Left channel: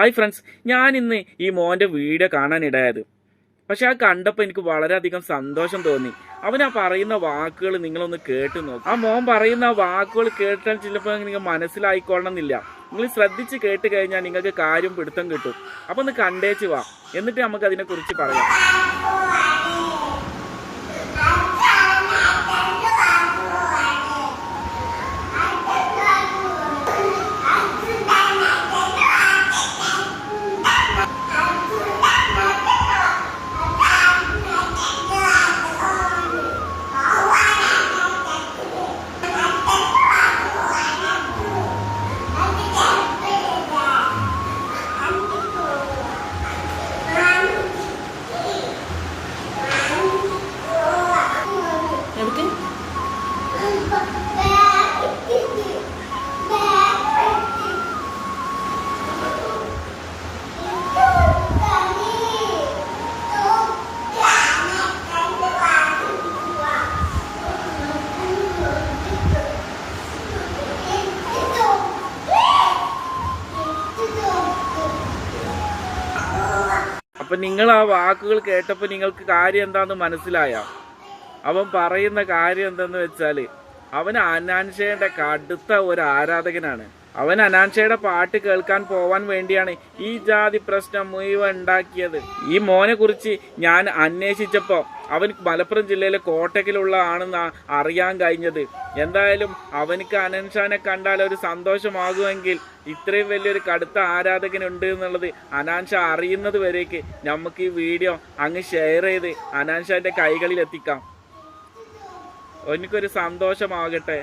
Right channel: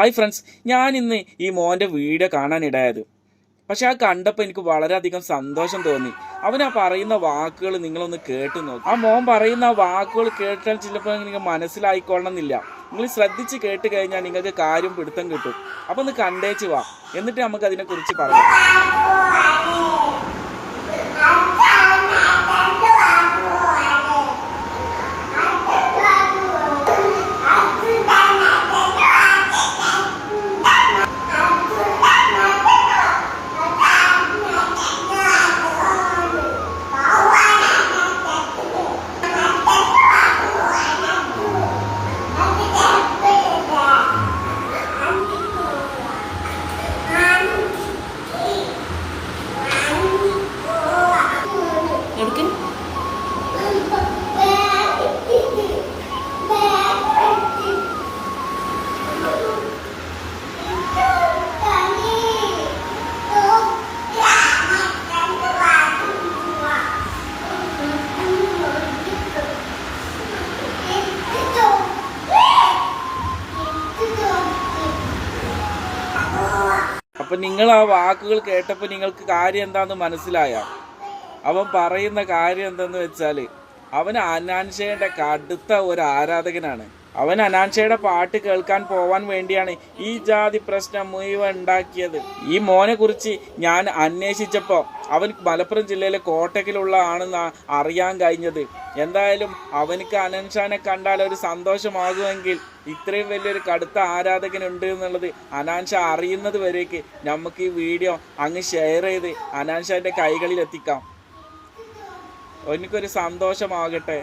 Hi friends, ഞാൻ ഇന്ന് ഈ മോൻ്റെ വീഡിയോ കാണാനിടയായത്. പക്ഷെ ആ കണ്ടപ്പോൾ എനിക്ക് വളരെയധികം സന്തോഷം തോന്നി. അവൻ ആ പറയുന്ന വാക്കുകൾ നിങ്ങളൊന്ന് കേട്ട് നോക്കും. ആ മോൻ പറയുന്ന ആ വാക്കുകൾ കേട്ടാൽ ചിലപ്പോൾ നിങ്ങൾക്ക് മനസ്സിലായിക്കൊള്ളണം എന്നില്ല. നിങ്ങൾ ശ്രദ്ധിച്ച് കേട്ട് കഴിഞ്ഞാൽ നിങ്ങൾക്ക് കാര്യം പിടുത്തം കിട്ടും. അപ്പോൾ ഒന്ന് കണ്ടേച്ച് വാ, എന്നിട്ട് നമുക്ക് അതിനെക്കുറിച്ച് പറയാം. അപ്പൊ നിങ്ങൾ ആ വാക്കുകൾ കേട്ടപ്പോൾ നിങ്ങൾക്ക് കാര്യം എന്താന്ന് മനസ്സിലായോ? അവൻ പറയുന്ന കാര്യം എന്തെന്ന് വെച്ചാല്, അവൻ അനാൻഷയുടെ കടുത്ത ഒരു ആരാധകനാണ്. അവൻ അനാൻഷയുടെ പാട്ട് കേൾക്കാൻ പോവാൻ വേണ്ടിയാണ് ഈ ജാതി പ്രശ്നം മുഴുവൻ ഉണ്ടാക്കിയത്. ഈ മോനെ കുറിച്ച് ഞാൻ അന്വേഷിച്ചപ്പോ അവൻ മലപ്പുറം ജില്ലയിലെ കോട്ടക്കിലുള്ള ആണെന്ന് അറിയാൻ കഴിഞ്ഞത്. എന്തായാലും അവനക്ക് അനാൻഷാനെ കണ്ടാൽ ഒരു സന്തോഷമാകുമെങ്കിൽ ഇത്രയും വലിയൊരു കടുത്ത ആരാധകനുണ്ട് എന്നുള്ളത് അനാൻഷ അറിയുന്നത് വരേക്ക് നമുക്ക് ഈ വീഡിയോ അങ്ങ് ഷെയർ ചെയ്ത് അനാൻഷാന്റെ കൈകളിൽ എത്തിക്കാം. എനിക്കൊരു സന്തോഷമാകട്ടെ.